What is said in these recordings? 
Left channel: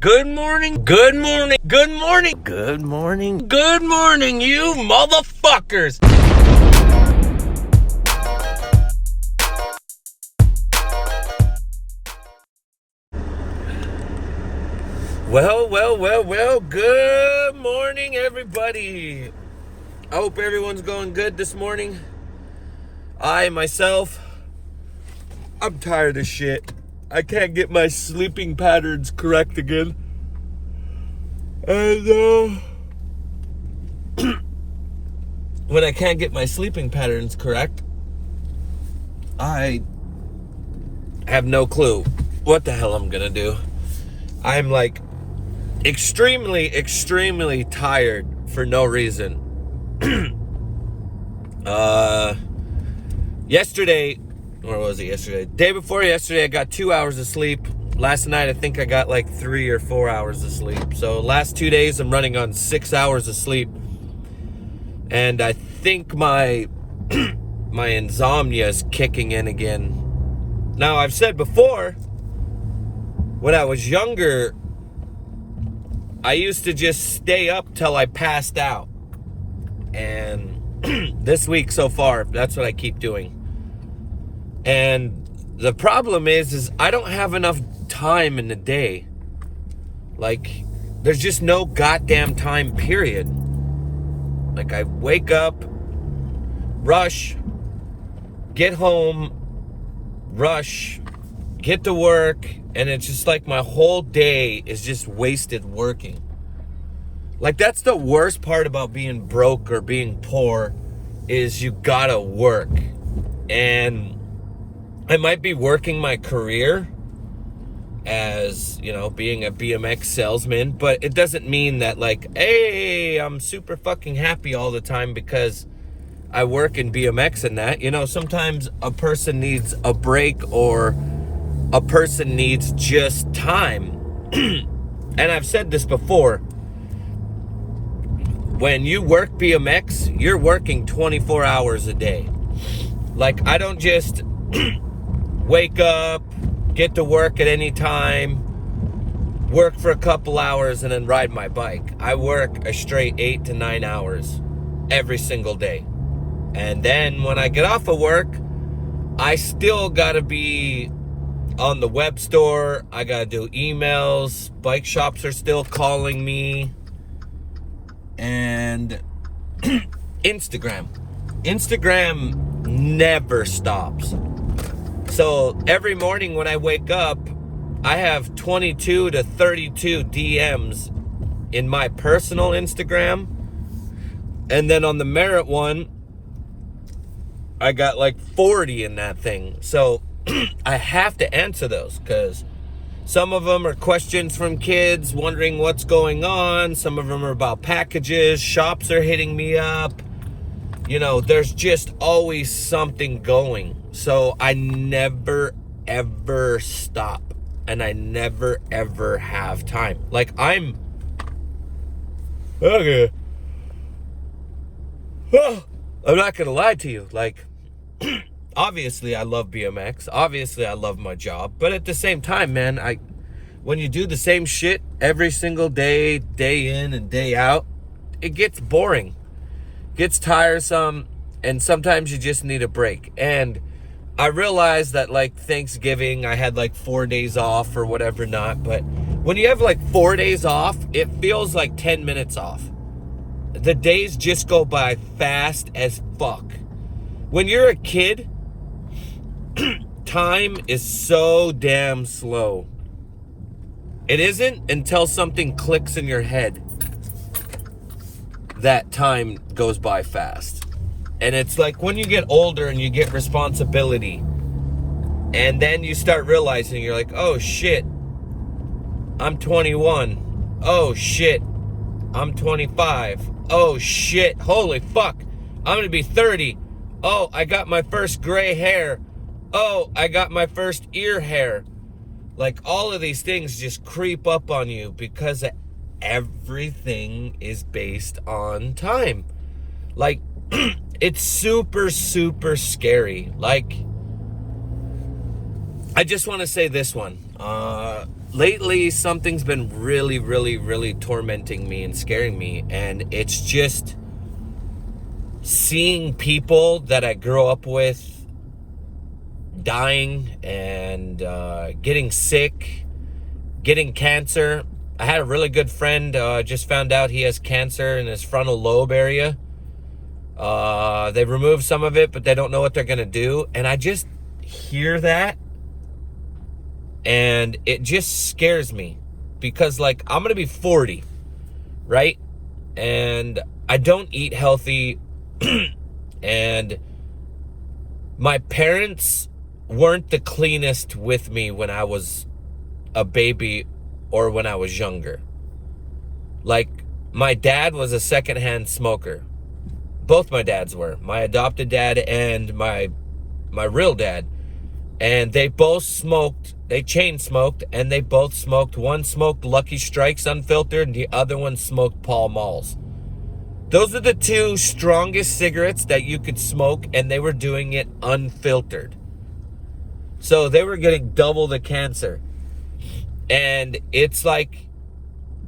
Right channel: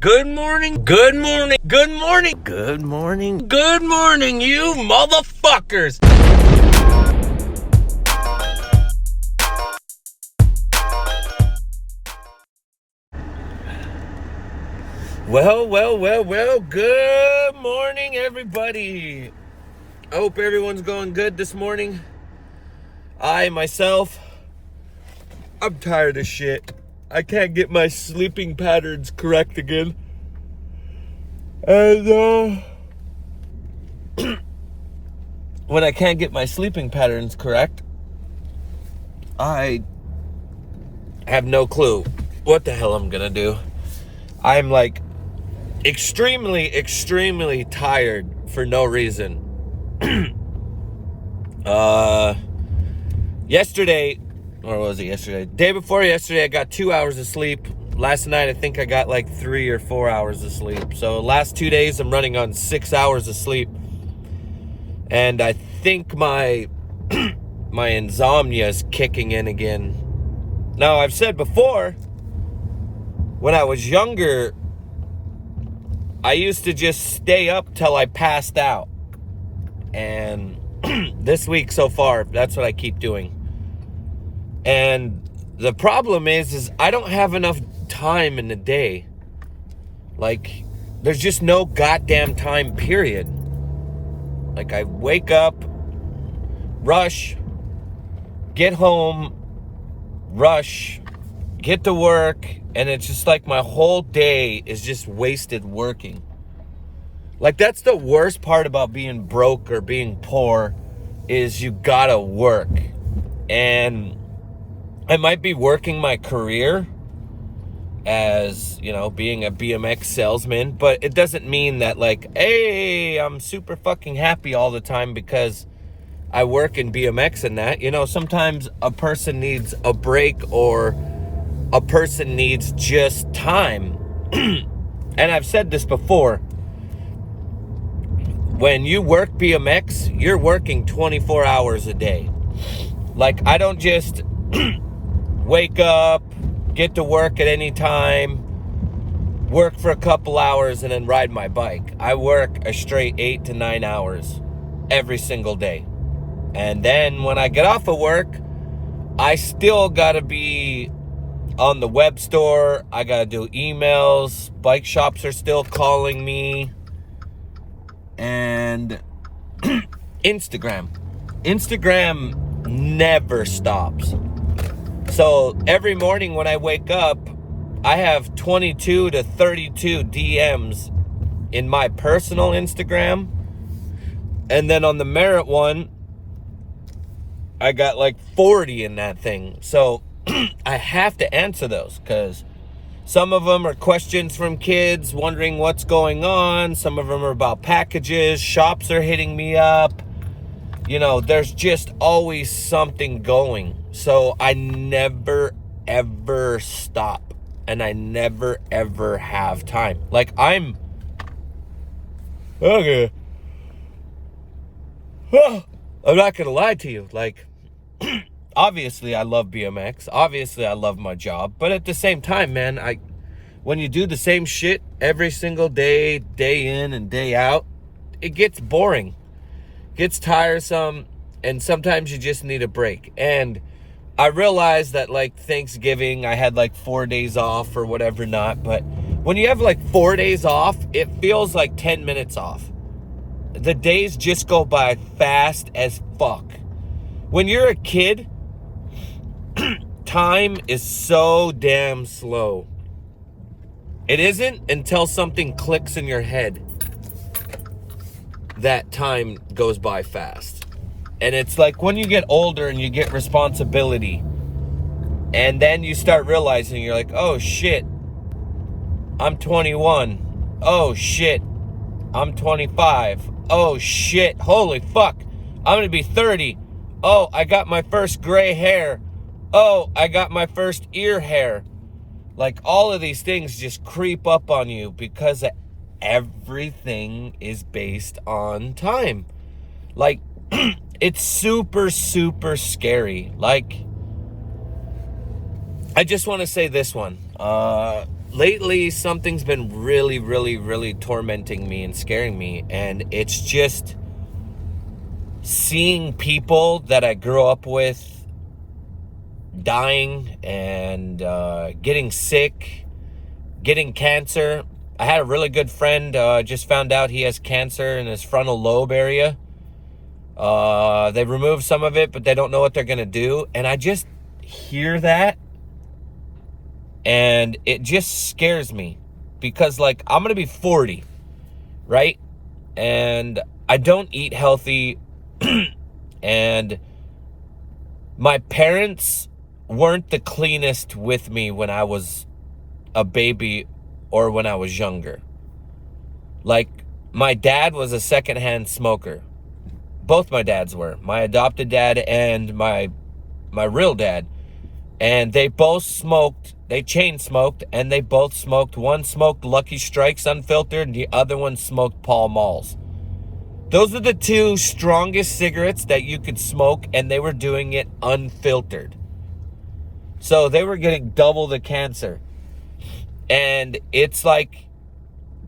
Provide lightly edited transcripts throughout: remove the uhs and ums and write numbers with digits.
Good morning, good morning, good morning, good morning, good morning, you motherfuckers! Well, good morning, everybody. I hope everyone's going good this morning. Myself, I'm tired of shit. I can't get my sleeping patterns correct again. And, when I can't get my sleeping patterns correct, I have no clue what the hell I'm gonna do. I'm like extremely tired for no reason. Yesterday, what was it yesterday? Day before yesterday, I got 2 hours of sleep. Last night, I think I got like 3 or 4 hours of sleep. So last 2 days, I'm running on 6 hours of sleep. And I think my my insomnia is kicking in again. Now, I've said before, when I was younger, I used to just stay up till I passed out. And this week so far, that's what I keep doing. And the problem is I don't have enough time in the day. Like, there's just no goddamn time, period. Like, I wake up, rush, get home, rush, get to work, and it's just like my whole day is just wasted working. Like, that's the worst part about being broke or being poor, is you gotta work. And I might be working my career as, being a BMX salesman, but it doesn't mean that, like, hey, I'm super fucking happy all the time because I work in BMX and that. Sometimes a person needs a break, or a person needs just time. And I've said this before. When you work BMX, you're working 24 hours a day. Like, I don't just wake up, get to work at any time, work for a couple hours, and then ride my bike. I work a straight 8 to 9 hours every single day. And then when I get off of work, I still gotta be on the web store. I gotta do emails. Bike shops are still calling me. And Instagram never stops. So every morning when I wake up, I have 22 to 32 DMs in my personal Instagram. And then on the Merit one, I got like 40 in that thing. So I have to answer those, because some of them are questions from kids wondering what's going on. Some of them are about packages. Shops are hitting me up. There's just always something going. So I never, ever stop. And I never, ever have time. Like, I'm not gonna lie to you. Like, obviously I love BMX. Obviously I love my job. But at the same time, man, when you do the same shit every single day, day in and day out, it gets boring. Gets tiresome, and sometimes you just need a break. And I realized that, like, Thanksgiving, I had like 4 days off or whatever not, but when you have like 4 days off, it feels like 10 minutes off. The days just go by fast as fuck. When you're a kid, time is so damn slow. It isn't until something clicks in your head that time goes by fast. And it's like when you get older and you get responsibility, and then you start realizing, you're like, oh shit, I'm 21. Oh shit, I'm 25. Oh shit, holy fuck, I'm gonna be 30. Oh, I got my first gray hair. Oh, I got my first ear hair. Like, all of these things just creep up on you because everything is based on time. Like, it's super scary. Like, I just want to say this one. Lately, something's been really, really, really tormenting me and scaring me. And it's just seeing people that I grew up with dying and getting sick, getting cancer. I had a really good friend, just found out he has cancer in his frontal lobe area. They removed some of it, but they don't know what they're going to do. And I just hear that, and it just scares me because, like, I'm going to be 40, right? And I don't eat healthy. And my parents weren't the cleanest with me when I was a baby or when I was younger. Like, my dad was a secondhand smoker. Both my dads were. My adopted dad and my real dad. And they both smoked. They chain smoked, and they both smoked. One smoked Lucky Strikes unfiltered, and the other one smoked Pall Malls. Those are the two strongest cigarettes that you could smoke, and they were doing it unfiltered. So they were getting double the cancer. And it's like,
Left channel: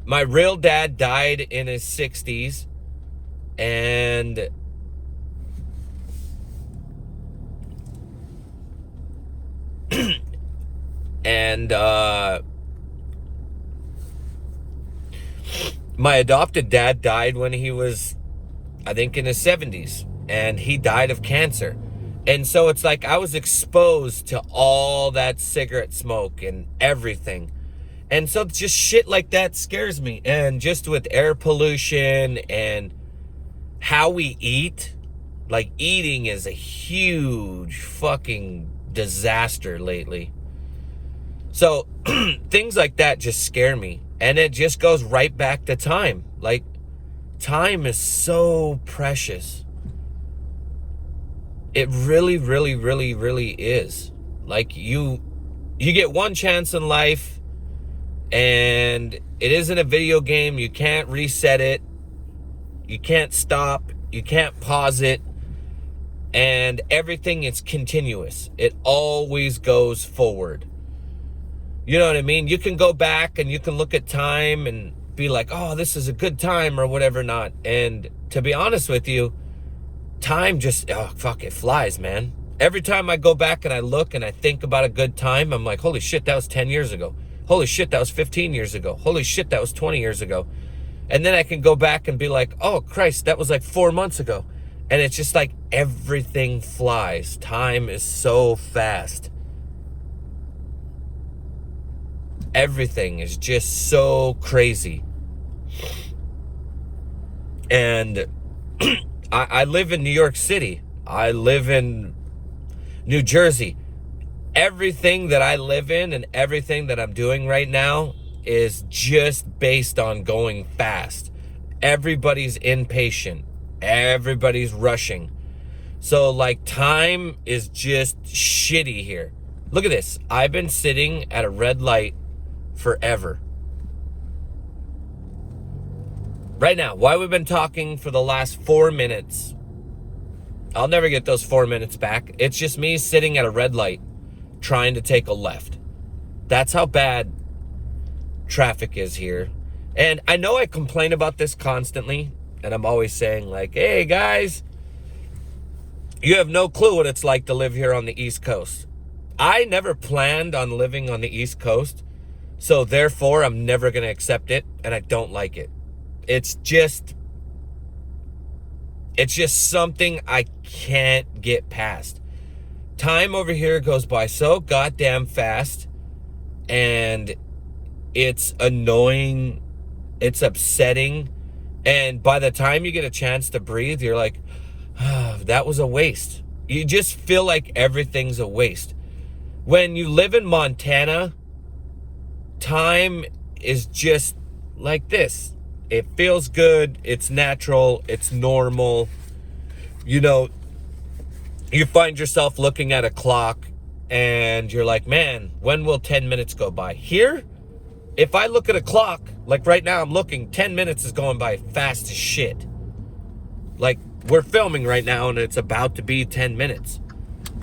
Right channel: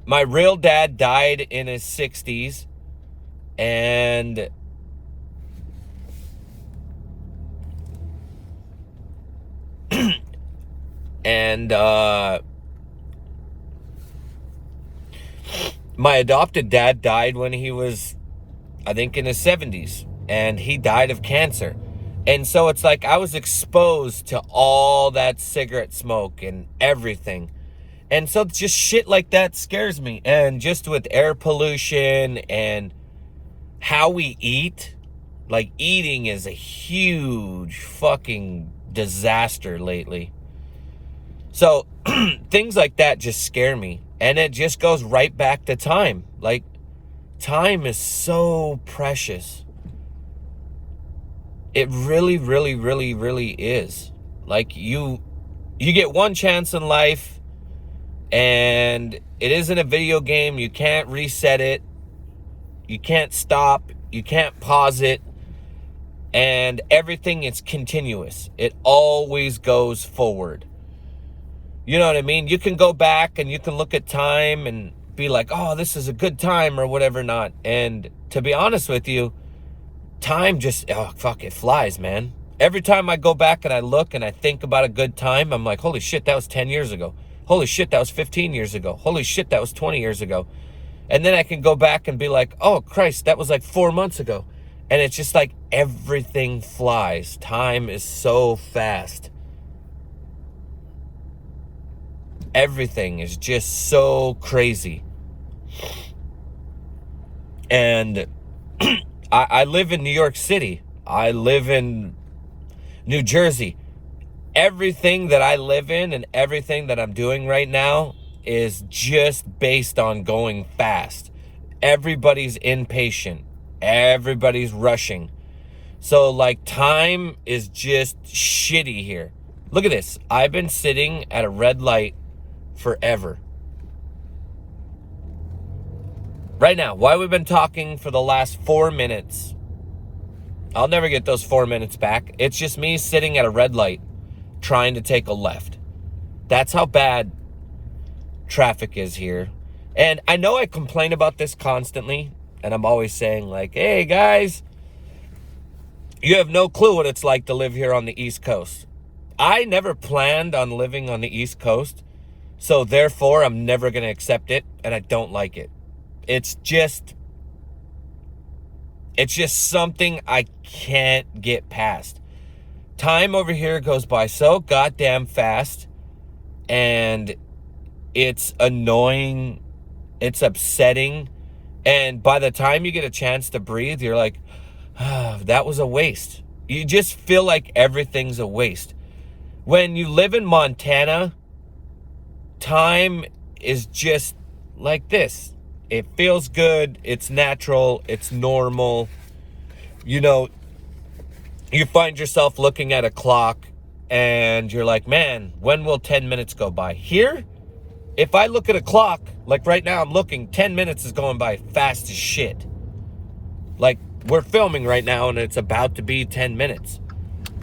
my real dad died in his 60s, and my adopted dad died when he was, I think, in his 70s, and he died of cancer. And so it's like I was exposed to all that cigarette smoke and everything. And so just shit like that scares me. And just with air pollution and how we eat, like, eating is a huge fucking disaster lately. So things like that just scare me. And it just goes right back to time. Like, time is so precious. It really, really, really, really is. Like, you get one chance in life, and it isn't a video game. You can't reset it. You can't stop. You can't pause it. And everything is continuous. It always goes forward. You know what I mean? You can go back and you can look at time and be like, oh, this is a good time or whatever not. And to be honest with you, time just, oh, fuck, it flies, man. Every time I go back and I look and I think about a good time, I'm like, holy shit, that was 10 years ago. Holy shit, that was 15 years ago. Holy shit, that was 20 years ago. And then I can go back and be like, oh, Christ, that was like 4 months ago. And it's just like everything flies. Time is so fast. Everything is just so crazy. And I live in New York City. I live in New Jersey. Everything that I live in and everything that I'm doing right now is just based on going fast. Everybody's impatient. Everybody's rushing. So, like, time is just shitty here. Look at this. I've been sitting at a red light forever. Right now, why we've been talking for the last 4 minutes. I'll never get those 4 minutes back. It's just me sitting at a red light trying to take a left. That's how bad traffic is here. And I know I complain about this constantly, and I'm always saying, like, hey guys, you have no clue what it's like to live here on the East Coast. I never planned on living on the East Coast, so therefore I'm never going to accept it, and I don't like it. It's just something I can't get past. Time over here goes by so goddamn fast, and it's annoying, it's upsetting, and by the time you get a chance to breathe, you're like, ah, that was a waste. You just feel like everything's a waste. When you live in Montana, time is just like this. It feels good, it's natural, it's normal. You know, you find yourself looking at a clock and you're like, man, when will 10 minutes go by? Here, if I look at a clock, like right now I'm looking, 10 minutes is going by fast as shit. Like, we're filming right now and it's about to be 10 minutes.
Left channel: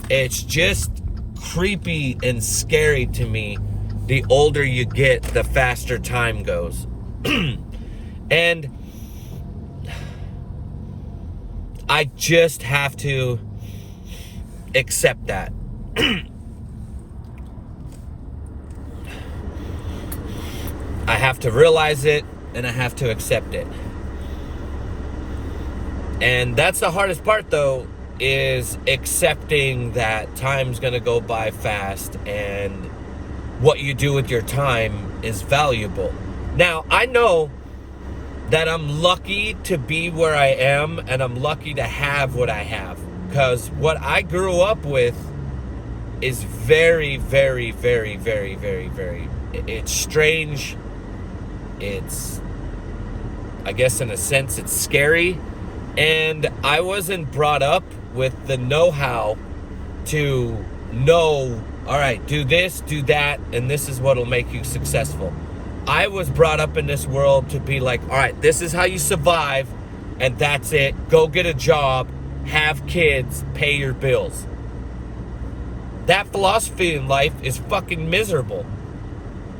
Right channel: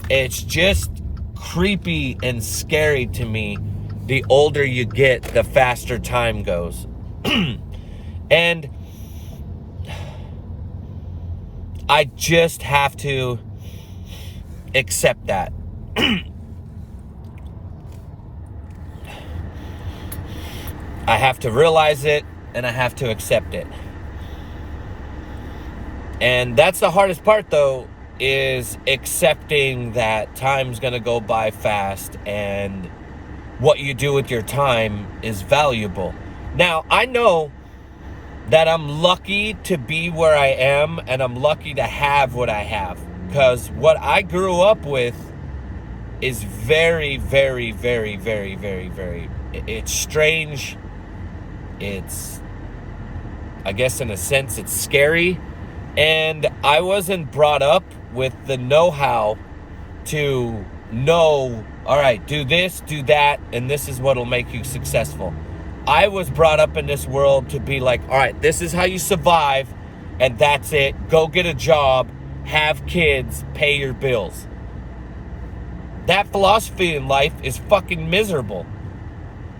It's just creepy and scary to me the older you get, the faster time goes. And I just have to accept that. I have to realize it, and I have to accept it. And that's the hardest part, though, is accepting that time's gonna go by fast and what you do with your time is valuable. Now, I know that I'm lucky to be where I am, and I'm lucky to have what I have, because what I grew up with is very, very, very, very, very, very, it's strange. It's, I guess in a sense, it's scary. And I wasn't brought up with the know-how to know, all right, do this, do that, and this is what'll make you successful. I was brought up in this world to be like, all right, this is how you survive, and that's it. Go get a job, have kids, pay your bills. That philosophy in life is fucking miserable.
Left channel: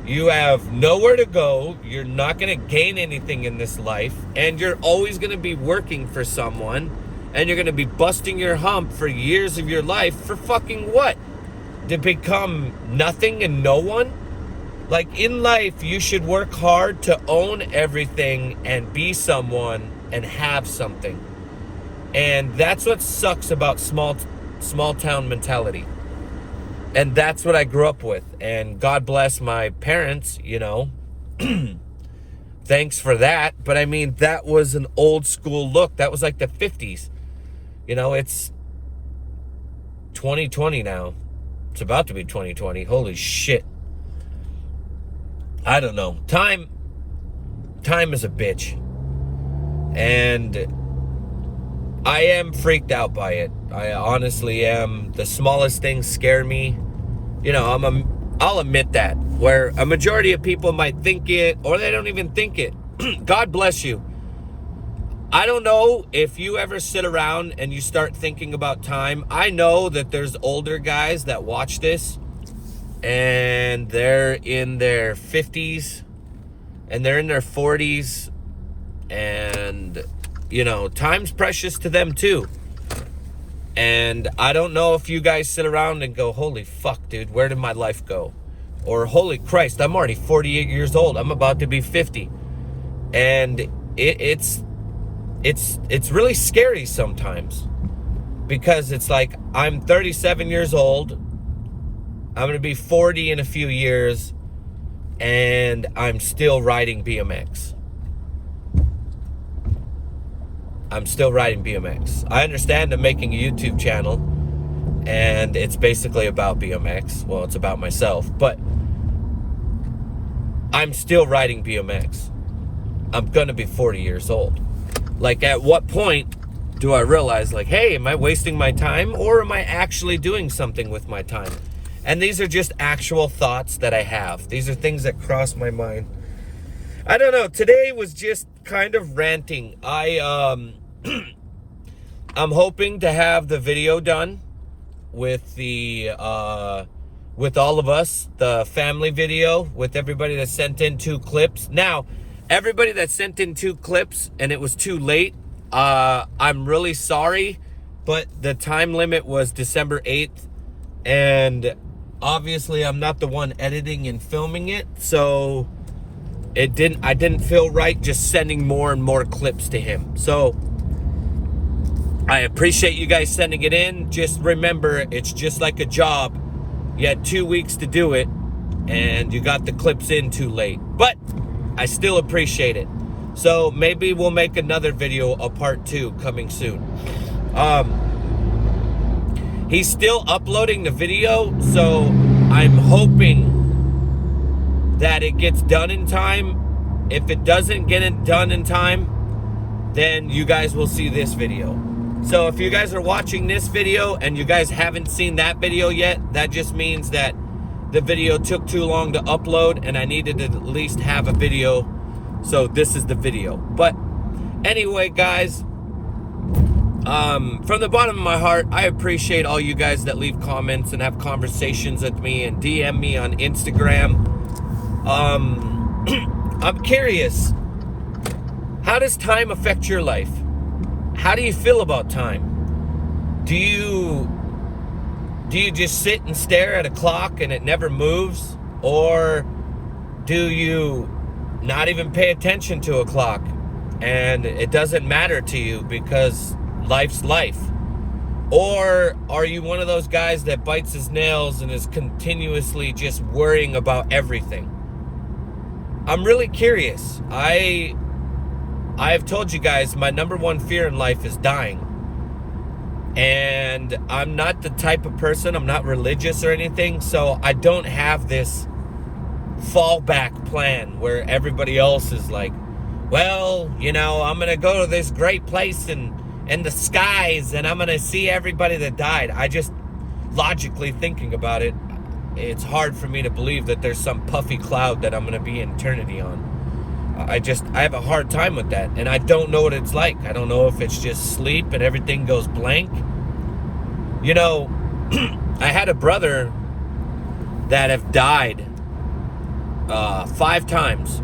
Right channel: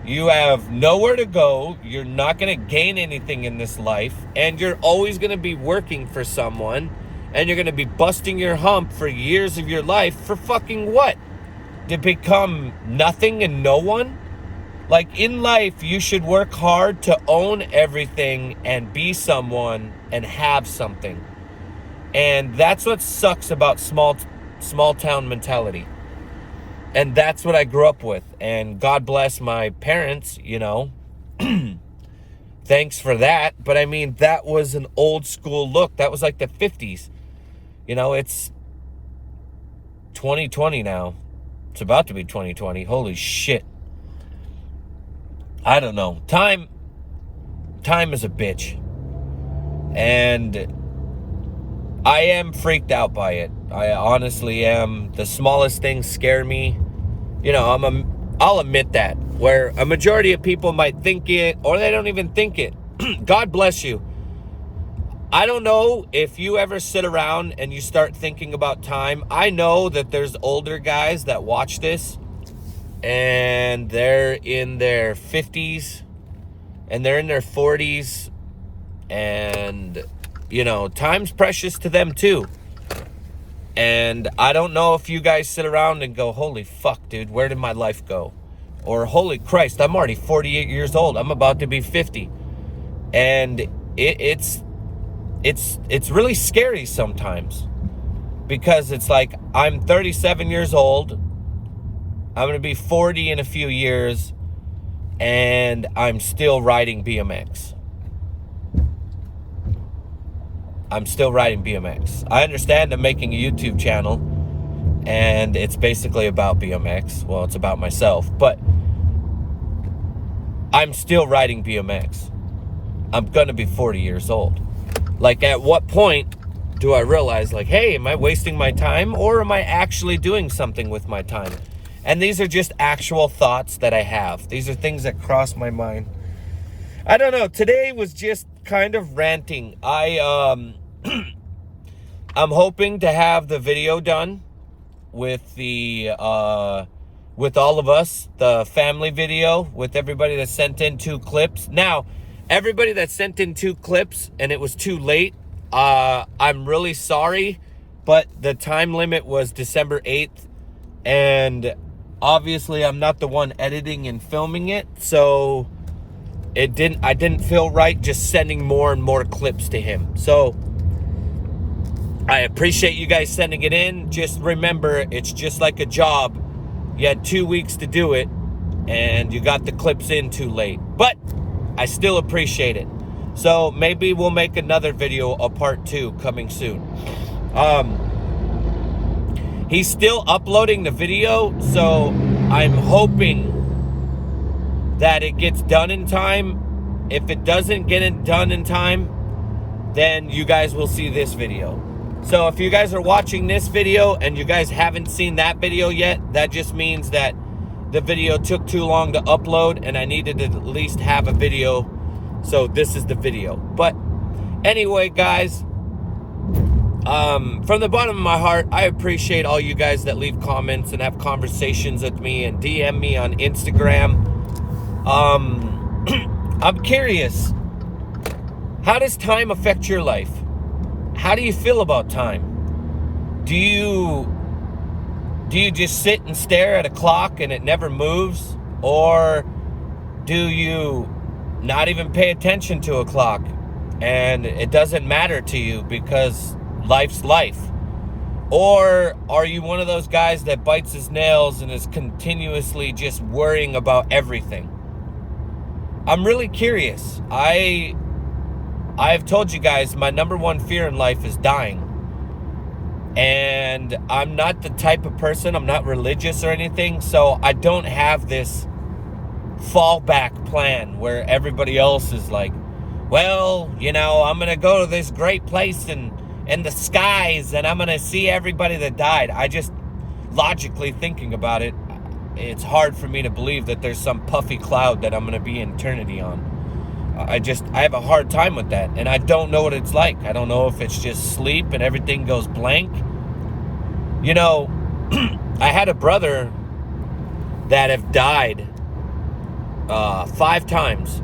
You have nowhere to go, you're not going to gain anything in this life, and you're always going to be working for someone, and you're going to be busting your hump for years of your life for fucking what? To become nothing and no one? Like, in life, you should work hard to own everything and be someone and have something. And that's what sucks about small town mentality. And that's what I grew up with. And God bless my parents, you know. Thanks for that. But I mean, that was an old school look. That was like the 50s. You know, it's 2020 now. It's about to be 2020. Holy shit. I don't know. Time is a bitch. And I am freaked out by it. I honestly am. The smallest things scare me. You know, I'll admit that. Where a majority of people might think it, or they don't even think it. God bless you. I don't know if you ever sit around and you start thinking about time. I know that there's older guys that watch this, and they're in their 50s, and they're in their 40s, and, you know, time's precious to them too. And I don't know if you guys sit around and go, holy fuck, dude, where did my life go? Or, holy Christ, I'm already 48 years old. I'm about to be 50. And it's really scary sometimes. Because it's like, I'm 37 years old. I'm going to be 40 in a few years. And I'm still riding BMX. I'm still riding BMX. I understand I'm making a YouTube channel, and it's basically about BMX. Well, it's about myself, but I'm still riding BMX. I'm gonna be 40 years old. Like, at what point do I realize, like, hey, am I wasting my time, or am I actually doing something with my time? And these are just actual thoughts that I have. These are things that cross my mind. I don't know. Today was just kind of ranting. I'm hoping to have the video done with the with all of us, the family video, with everybody that sent in 2 clips. Now, everybody that sent in 2 clips and it was too late, I'm really sorry, but the time limit was December 8th, and obviously I'm not the one editing and filming it, so I didn't feel right just sending more and more clips to him. So I appreciate you guys sending it in. Just remember, it's just like a job. You had 2 weeks to do it, and you got the clips in too late. But I still appreciate it. So maybe we'll make another video, a part 2, coming soon. He's still uploading the video, so I'm hoping that it gets done in time. If it doesn't get it done in time, then you guys will see this video. So if you guys are watching this video and you guys haven't seen that video yet, that just means that the video took too long to upload and I needed to at least have a video. So this is the video. But anyway, guys, from the bottom of my heart, I appreciate all you guys that leave comments and have conversations with me and DM me on Instagram. I'm curious, how does time affect your life? How do you feel about time? Do you just sit and stare at a clock and it never moves? Or do you not even pay attention to a clock and it doesn't matter to you because life's life? Or are you one of those guys that bites his nails and is continuously just worrying about everything? I'm really curious. I have told you guys my number one fear in life is dying. And I'm not the type of person, I'm not religious or anything, so I don't have this fallback plan where everybody else is like, well, you know, I'm going to go to this great place in the skies and I'm going to see everybody that died. I just, logically thinking about it, it's hard for me to believe that there's some puffy cloud that I'm going to be in eternity on. I have a hard time with that, and I don't know what it's like. I don't know if it's just sleep and everything goes blank. You know, I had a brother that have died 5 times.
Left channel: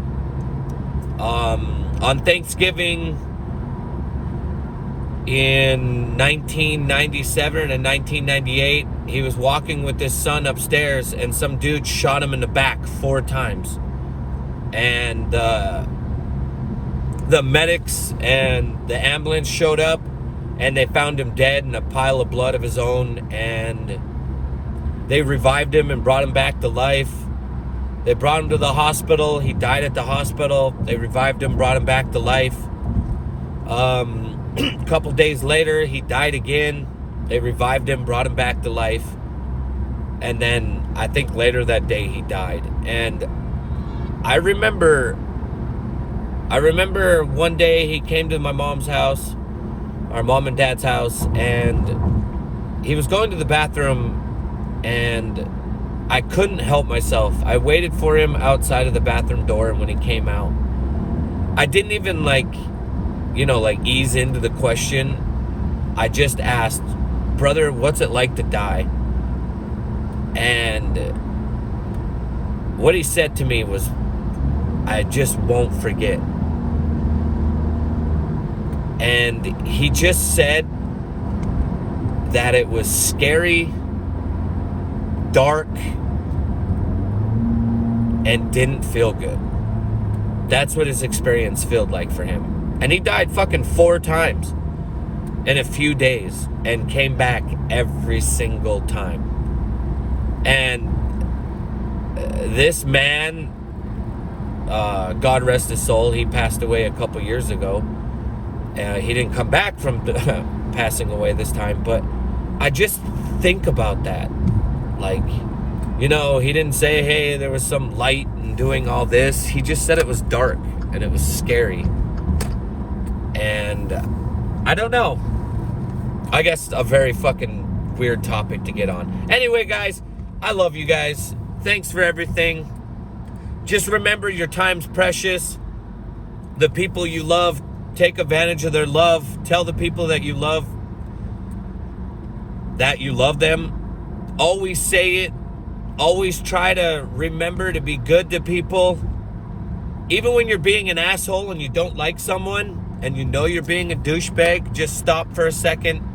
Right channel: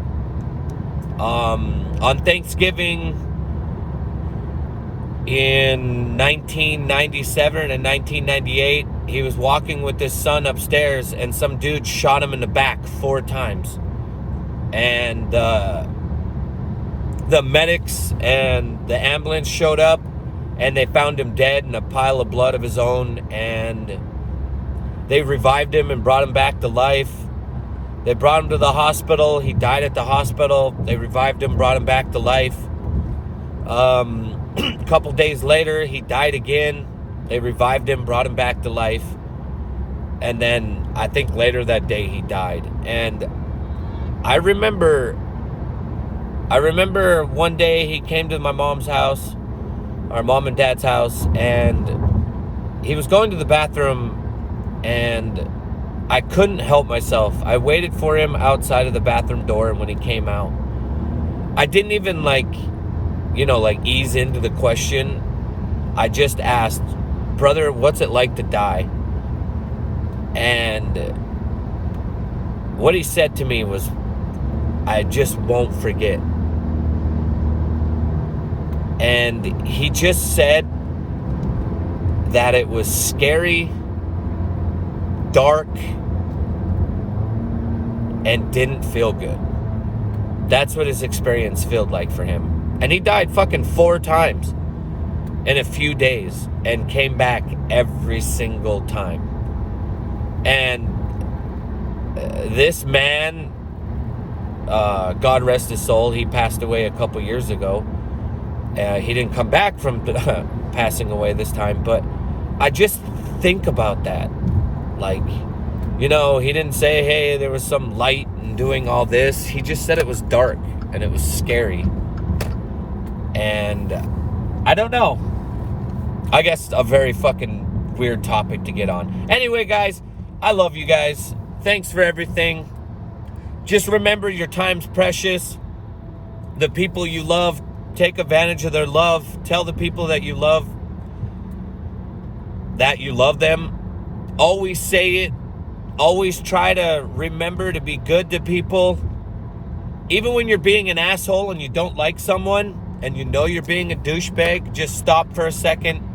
On Thanksgiving in 1997 and 1998, he was walking with his son upstairs, and some dude shot him in the back 4 times. And the medics and the ambulance showed up, and they found him dead in a pile of blood of his own, and they revived him and brought him back to life. They brought him to the hospital. He died at the hospital. They revived him, brought him back to life. A couple days later, he died again. They revived him, brought him back to life. And then I think later that day he died. And I remember one day he came to my mom's house, our mom and dad's house, and he was going to the bathroom, and I couldn't help myself. I waited for him outside of the bathroom door, and when he came out, I didn't even ease into the question. I just asked, brother, what's it like to die? And what he said to me was, I just won't forget. And he just said that it was scary, dark, and didn't feel good. That's what his experience felt like for him. And he died fucking 4 times in a few days and came back every single time. And this man, God rest his soul, he passed away a couple years ago. He didn't come back from passing away this time, but I just think about that. Like, you know, he didn't say, hey, there was some light and doing all this. He just said it was dark and it was scary. And I don't know. I guess a very fucking weird topic to get on. Anyway, guys, I love you guys. Thanks for everything. Just remember, your time's precious. The people you love, take advantage of their love. Tell the people that you love them. Always say it. Always try to remember to be good to people. Even when you're being an asshole and you don't like someone and you know you're being a douchebag, just stop for a second.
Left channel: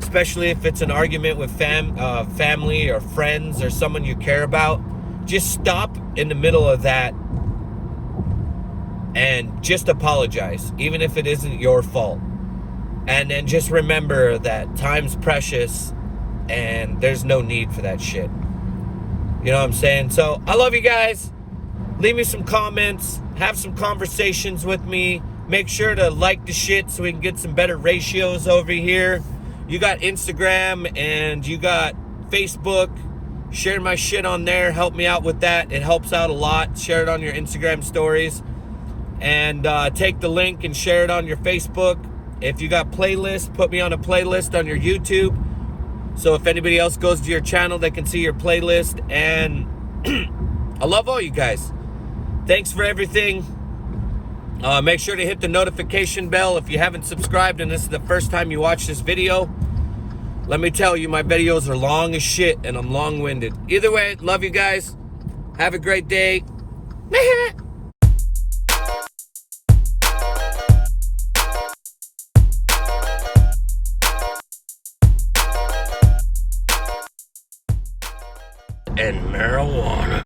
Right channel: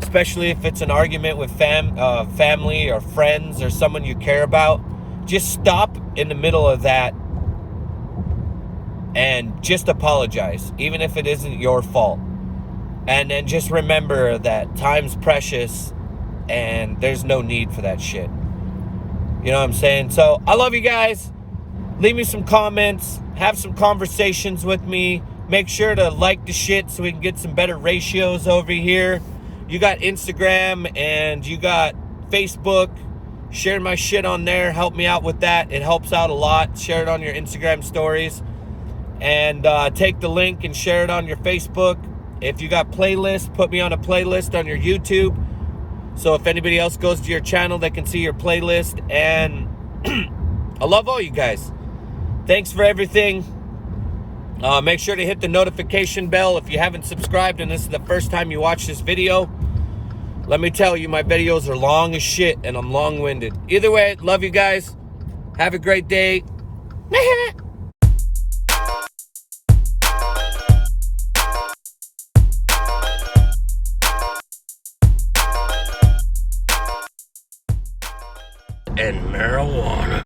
Especially if it's an argument with family or friends or someone you care about. Just stop in the middle of that and just apologize, even if it isn't your fault. And then just remember that time's precious and there's no need for that shit. You know what I'm saying? So I love you guys. Leave me some comments. Have some conversations with me. Make sure to like the shit so we can get some better ratios over here. You got Instagram and you got Facebook. Share my shit on there. Help me out with that. It helps out a lot. Share it on your Instagram stories. And take the link and share it on your Facebook. If you got playlists, put me on a playlist on your YouTube. So if anybody else goes to your channel, they can see your playlist. And I love all you guys. Thanks for everything. Make sure to hit the notification bell if you haven't subscribed and this is the first time you watch this video. Let me tell you, my videos are long as shit and I'm long-winded. Either way, love you guys. Have a great day. And marijuana.